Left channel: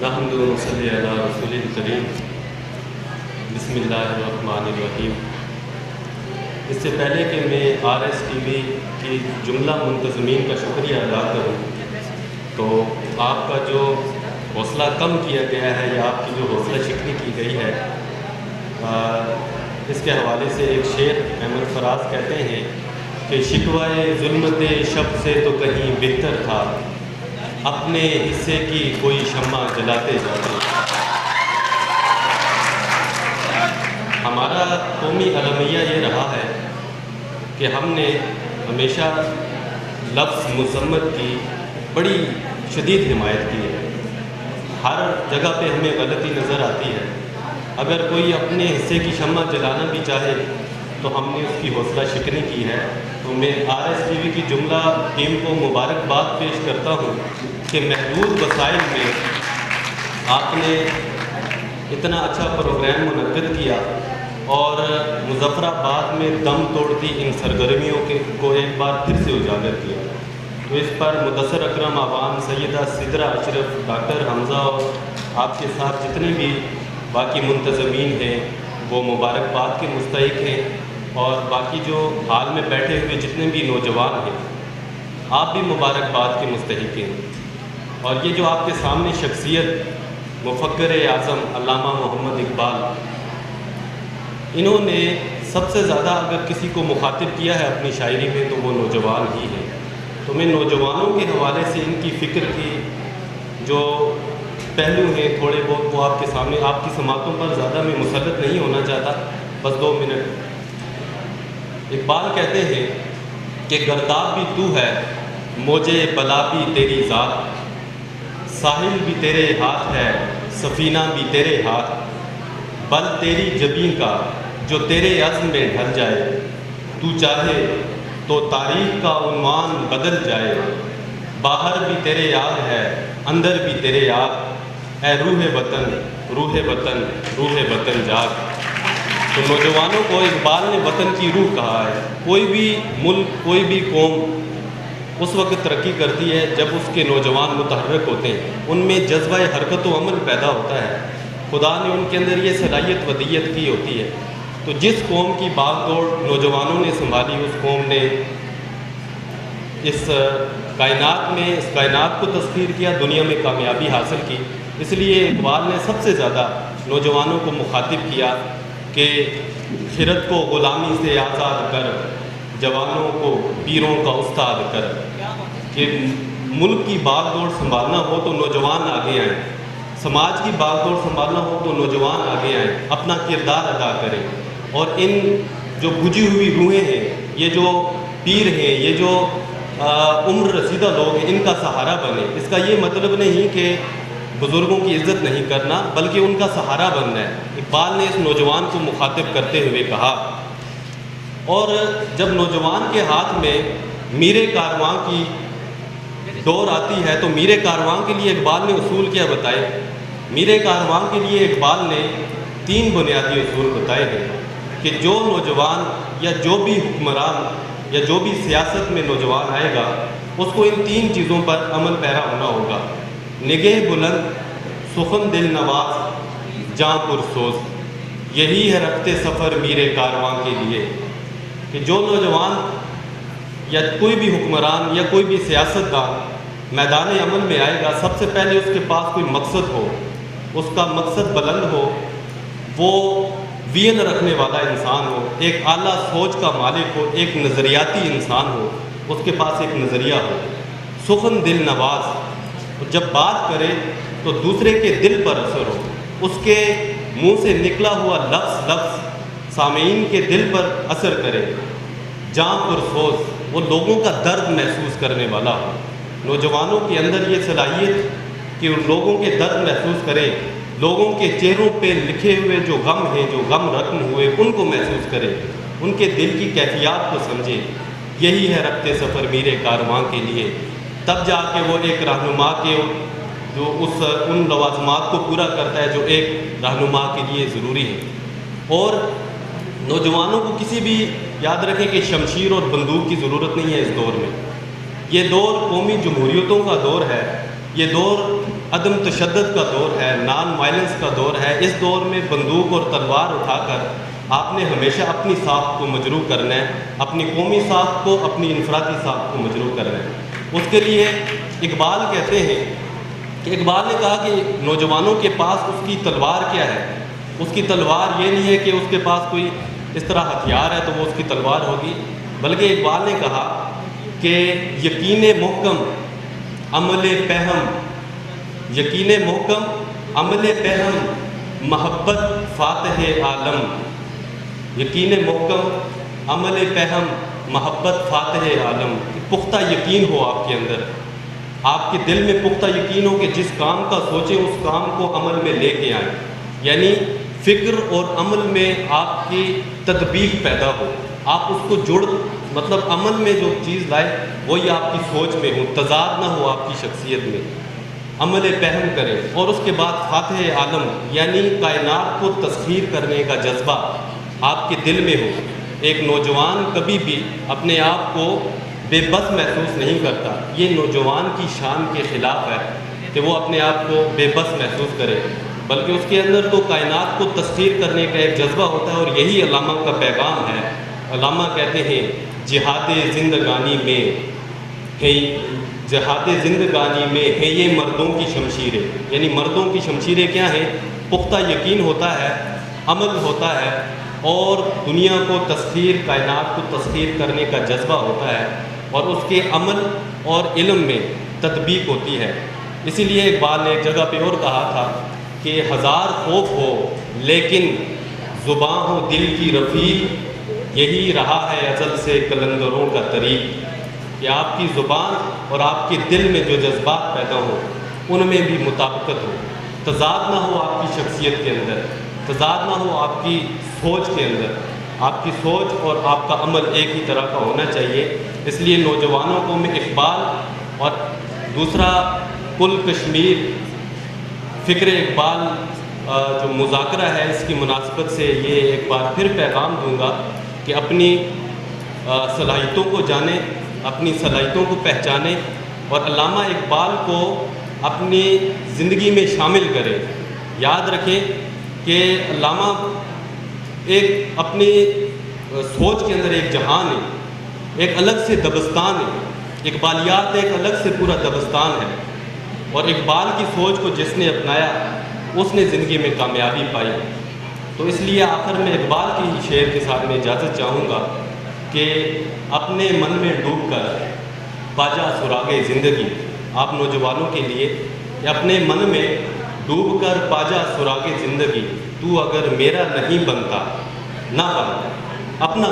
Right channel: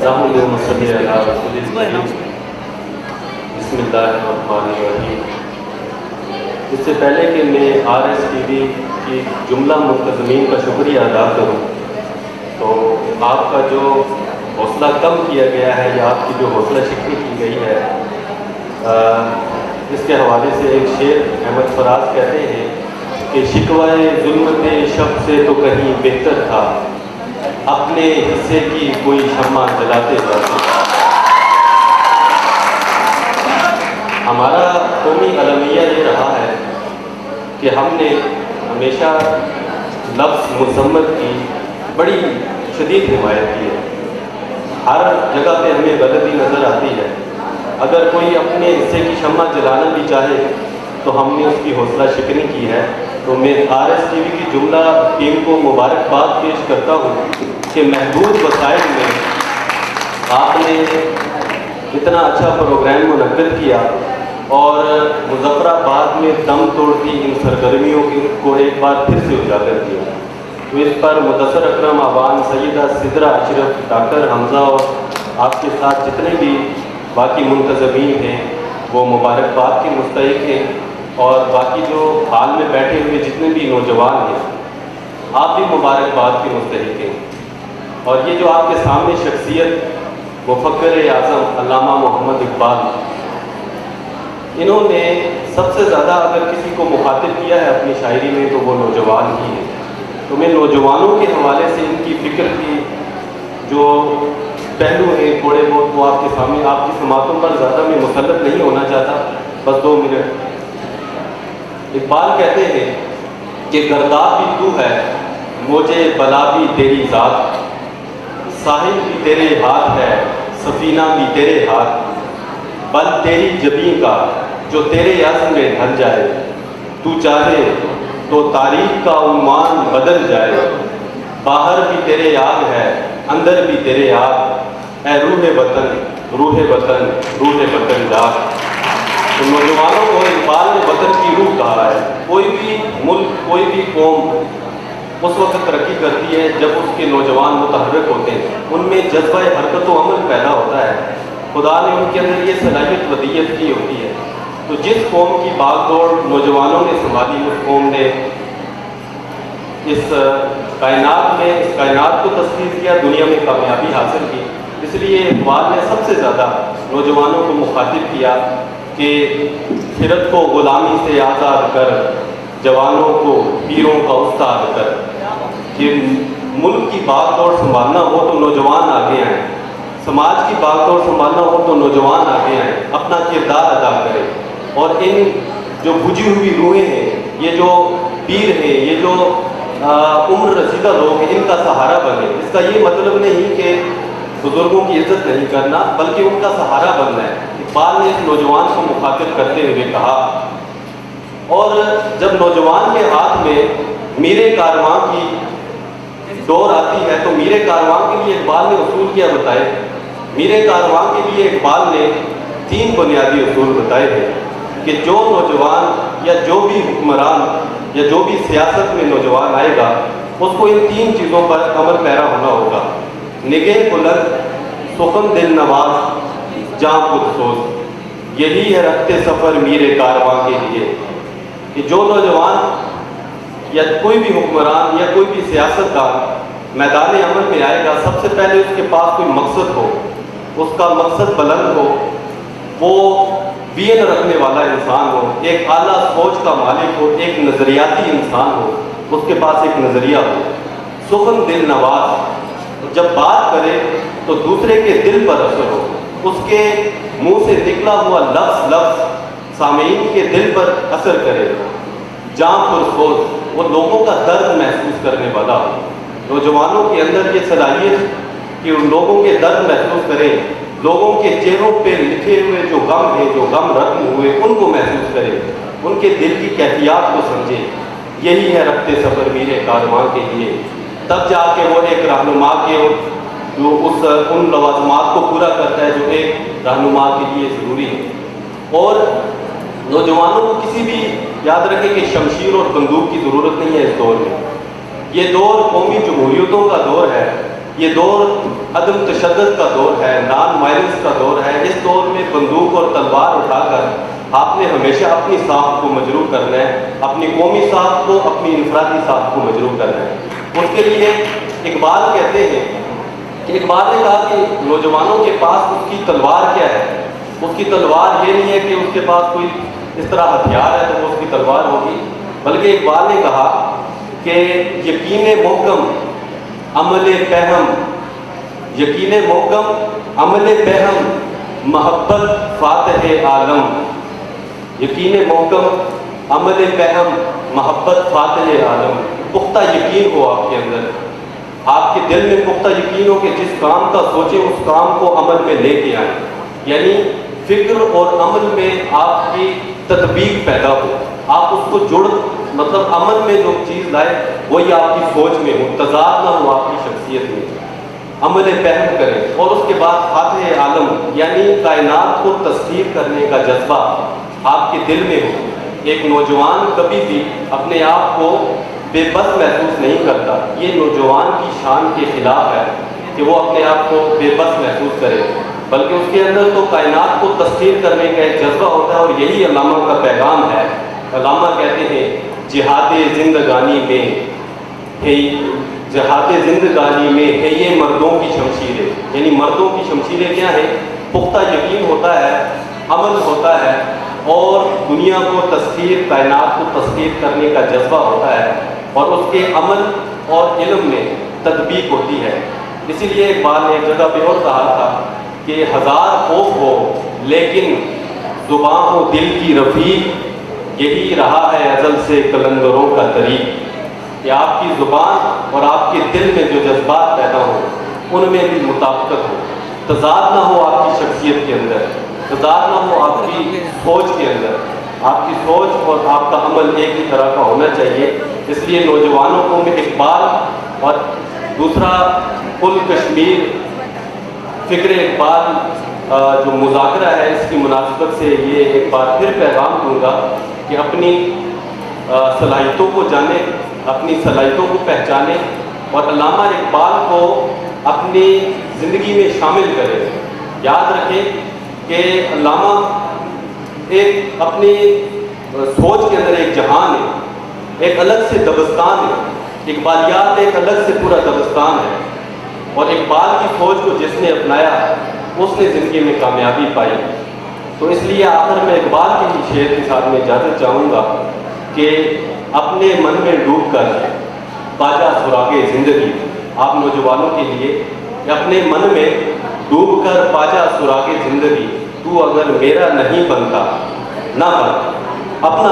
اللہم صلی علی رسول الکریم بسم اللہ الرحمن الرحیم۔ اس سے پہلے کہ میں RSTV کی جملہ منتظمین کا شکریہ ادا کروں تو آپ کا جو حوصلہ کم کیا گیا ہے یا آپ کی جو حوصلہ شکنی کی گئی ہے، اس کے حوالے سے ایک شعر احمد فراز کہتے ہیں کہ شکوائے ظلمت شب سے تو کہیں بہتر تھا، اپنے حصے کی کوئی شمع جلاتے جاتے۔ ہمارا قومی المیہ یہ رہا ہے کہ ہم نے ہمیشہ لفظ مذمت کی بڑی شدید حمایت کی ہے۔ ہر جگہ پہ ہمیں غلطی نظر آتی ہے، اگر کوئی اپنے حصے کی شمع جلانا بھی چاہے تو ہم نے اس کی حوصلہ شکنی کی ہے۔ تو میں RSTV کی جملہ ٹیم کو مبارکباد پیش کرتا ہوں کہ محدود وسائل میں آپ نے اتنا اچھا پروگرام منعقد کیا اور مظفر آباد میں دم توڑ کی ان سرگرمیوں کو ایک بار پھر سے اجاگر کیا۔ تو اس پر مدثر اکرم آبان، سیدہ سدرہ اشرف، ڈاکٹر حمزہ اور آپ کے ساتھ جتنے بھی باقی منتظمین ہیں وہ مبارکباد کے مستحق ہیں، اور باقی جو حال میں بیٹھے ہوئے جتنے بھی نوجوان ہیں آپ بھی مبارکباد کے مستحق ہیں۔ اور یہ جو آپ کے سامنے شخصیت مفکر اعظم علامہ محمد اقبال، انہوں نے سب سے زیادہ اگر کسی کو مخاطب کیا ہے اپنی شاعری میں تو وہ نوجوان ہی ہے۔ تو میں نوجوانوں کے حوالے سے ان کی فکر کی جو پہلو ہیں تھوڑے بہت تو آپ کے سامنے، آپ کی سماعتوں پر زیادہ میں مسلط نہیں ہونا چاہتا، بس 2 منٹ۔ اقبال کہتے ہیں کہ گرداب بھی تو ہے، موجے بلا بھی تیری ذات، ساحل بھی تیرے ہاتھ ہے، سفینہ بھی تیرے ہاتھ، بل تیری جبیں کا جو تیرے عزم میں ڈھل جائے، تو چاہے تو تاریخ کا عنوان بدل جائے، باہر بھی تیرے یاد ہے، اندر بھی تیرے یاد، اے روح وطن روح وطن روح وطن جات۔ تو نوجوانوں کو اقبال نے وطن کی روح کہا ہے۔ کوئی بھی ملک، کوئی بھی قوم اس وقت ترقی کرتی ہے جب اس کے نوجوان متحرک ہوتے ہیں، ان میں جذبہ حرکت و عمل پیدا ہوتا ہے، خدا نے ان کے اندر یہ صلاحیت ودیت کی ہوتی ہے۔ تو جس قوم کی باغ دوڑ نوجوانوں نے سنبھالی، اس قوم نے اس کائنات کو تسخیر کیا، دنیا میں کامیابی حاصل کی۔ اس لیے اقبال نے سب سے زیادہ نوجوانوں کو مخاطب کیا کہ خرد کو غلامی سے آزاد کر، جوانوں کو پیروں کا استاد کر۔ کہ ملک کی باغ دوڑ سنبھالنا ہو تو نوجوان آگے آئیں، سماج کی باغ دوڑ سنبھالنا ہو تو نوجوان آگے آئیں، اپنا کردار ادا کریں، اور ان جو بجھی ہوئی روحیں ہیں، یہ جو پیر ہیں، یہ جو عمر رسیدہ لوگ ہیں، ان کا سہارا بنیں۔ اس کا یہ مطلب نہیں کہ بزرگوں کی عزت نہیں کرنا، بلکہ ان کا سہارا بننا ہے۔ اقبال نے اس نوجوان کو مخاطب کرتے ہوئے کہا، اور جب نوجوان کے ہاتھ میں میر کارواں کی دور آتی ہے تو میر کارواں کے لیے اقبال نے اصول کیا بتائے؟ میر کارواں کے لیے اقبال نے 3 بنیادی اصول بتائے تھے کہ جو نوجوان یا جو بھی حکمران یا جو بھی سیاست میں نوجوان آئے گا اس کو ان 3 چیزوں پر عمل پیرا ہونا ہوگا: نگہ بلند، سخن دل نواز، جاں پرسوز۔ یہی ہے رخت سفر میر کارواں کے لیے کہ جو نوجوان یا کوئی بھی حکمران یا کوئی بھی سیاستدان میدان عمل میں آئے گا، سب سے پہلے اس کے پاس کوئی مقصد ہو، اس کا مقصد بلند ہو، وہ ویژن رکھنے والا انسان ہو، ایک اعلیٰ سوچ کا مالک ہو، ایک نظریاتی انسان ہو، اس کے پاس ایک نظریہ ہو۔ سخن دل نواز، جب بات کرے تو دوسرے کے دل پر اثر ہو، اس کے منہ سے نکلا ہوا لفظ سامعین کے دل پر اثر کرے۔ جاں پرسوز، وہ لوگوں کا درد محسوس کرنے والا ہو۔ نوجوانوں کے اندر یہ صلاحیت کہ لوگوں کے درد محسوس کریں، لوگوں کے چہروں پہ لکھے ہوئے جو غم ہیں، جو غم رقم ہوئے، ان کو محسوس کریں، ان کے دل کی کیفیات کو سمجھیں۔ یہی ہے رخت سفر میر کارواں کے لیے۔ تب جا کے وہ ایک رہنما کے جو ان لوازمات کو پورا کرتا ہے جو ایک رہنما کے لیے ضروری ہے۔ اور نوجوانوں کو کسی بھی یاد رکھیں کہ شمشیر اور بندوق کی ضرورت نہیں ہے اس دور میں۔ یہ دور قومی جمہوریتوں کا دور ہے، یہ دور عدم تشدد کا دور ہے، نان وائلنس کا دور ہے، اس دور میں بندوق اور تلوار اٹھا کر آپ نے ہمیشہ اپنی ساکھ کو مجروح کرنا ہے، اپنی قومی ساکھ کو، اپنی انفرادی ساکھ کو مجروح کرنا ہے۔ اس کے لیے اقبال کہتے ہیں کہ اقبال نے کہا کہ نوجوانوں کے پاس اس کی تلوار کیا ہے؟ اس کی تلوار یہ نہیں ہے کہ اس کے پاس کوئی اس طرح ہتھیار ہے تو وہ اس کی تلوار ہوگی، بلکہ اقبال نے کہا کہ یقین محکم عمل پہم، یقین محکم عمل پہم محبت فاتح عالم، یقین محکم عمل پہم محبت فاتح عالم، پختہ یقین ہو آپ کے اندر، آپ کے دل میں پختہ یقین ہو کہ جس کام کا سوچیں اس کام کو عمل میں لے کے آئیں، یعنی فکر اور عمل میں آپ کی تطبیق پیدا ہو، آپ اس کو جڑ مطلب عمل میں جو چیز لائے وہی آپ کی سوچ میں ہو، تضاد نہ ہو آپ کی شخصیت میں، عمل پہم کریں۔ اور اس کے بعد فاتح عالم یعنی کائنات کو تسخیر کرنے کا جذبہ آپ کے دل میں ہو۔ ایک نوجوان کبھی بھی اپنے آپ کو بے بس محسوس نہیں کرتا، یہ نوجوان کی شان کے خلاف ہے کہ وہ اپنے آپ کو بے بس محسوس کرے، بلکہ اس کے اندر تو کائنات کو تسخیر کرنے کا ایک جذبہ ہوتا ہے، اور یہی علامہ کا پیغام ہے۔ علامہ کہتے ہیں جہاد زندگانی میں ہے، جہاد زندگانی میں ہے یہ مردوں کی شمشیریں، یعنی مردوں کی شمشیریں کیا ہیں؟ پختہ یقین ہوتا ہے، عمل ہوتا ہے، اور دنیا کو تسخیر، کائنات کو تسخیر کرنے کا جذبہ ہوتا ہے، اور اس کے عمل اور علم میں تطبیق ہوتی ہے۔ اسی لیے اقبال نے ایک جگہ پہ اور کہا تھا کہ ہزار خوف ہو لیکن زباں ہو دل کی رفیق، یہی رہا ہے ازل سے قلندروں کا طریق، کہ آپ کی زبان اور آپ کے دل میں جو جذبات پیدا ہوں ان میں بھی مطابقت ہو، تضاد نہ ہو آپ کی شخصیت کے اندر، تضاد نہ ہو آپ کی سوچ کے اندر، آپ کی سوچ اور آپ کا عمل ایک ہی طرح کا ہونا چاہیے۔ اس لیے نوجوانوں کو میں اقبال اور دوسرا کل کشمیر فکر اقبال جو مذاکرہ ہے اس کی مناسبت سے یہ ایک بار پھر پیغام دوں گا کہ اپنی صلاحیتوں کو جانیں، اپنی صلاحیتوں کو پہچانیں، اور علامہ اقبال کو اپنی زندگی میں شامل کریں۔ یاد رکھیں کہ علامہ ایک اپنی سوچ کے اندر ایک جہان ہے، ایک الگ سے دبستان ہے، اقبالیات ایک الگ سے پورا دبستان ہے، اور اقبال کی سوچ کو جس نے اپنایا اس نے زندگی میں کامیابی پائی۔ تو اس لیے آخر میں اقبال کے ہی شعر کے ساتھ میں اجازت چاہوں گا کہ اپنے من میں ڈوب کر پاجا سراغ زندگی، آپ نوجوانوں کے لیے اپنے من میں ڈوب کر پاجا سراغ زندگی، تو اگر میرا نہیں بنتا نہ بن، اپنا